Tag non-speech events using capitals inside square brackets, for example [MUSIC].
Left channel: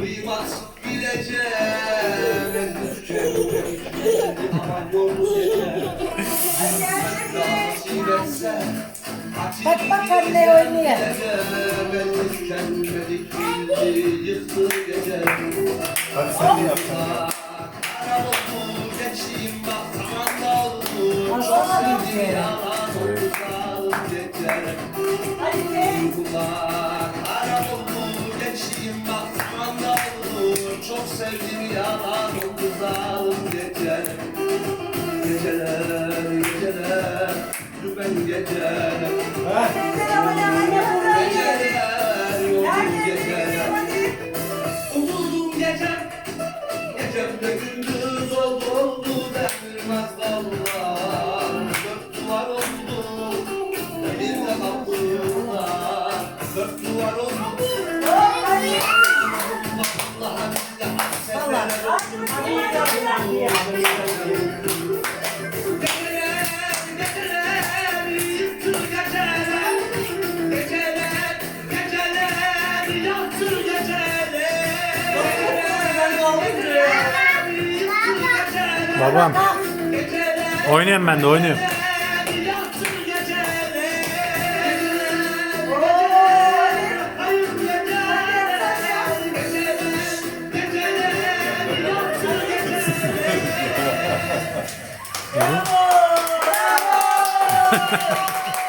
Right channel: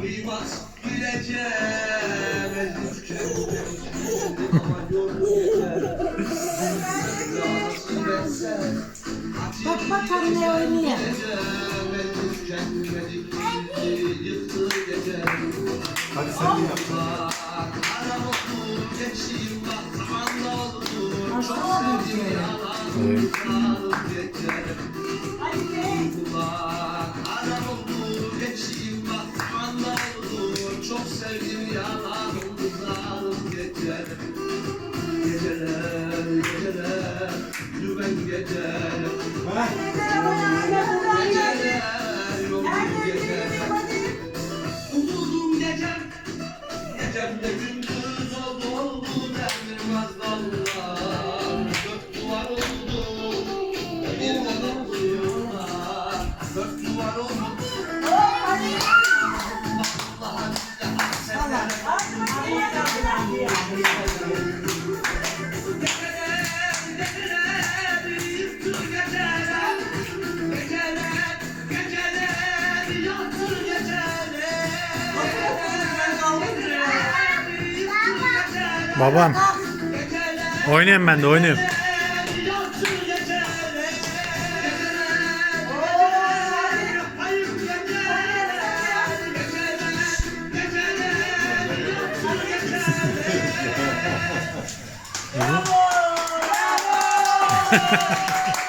Kıymat bileceğim en tükenmek Aman Bak bak anne oynuyor. Hadi sen yap. Aslana bir şey. Sevdim yalan oldu zalim geçer. Geceler geceler dümen geceler Geceler yolum geceler Umuldum gecem Gecem de gündüz oldu oldu Demirmez dallar Dört duvar oldu Demirmez dallar Dört duvar oldu. Vallahi Babam. Oynuyorum ben de oynuyorum. Geceler [LAUGHS]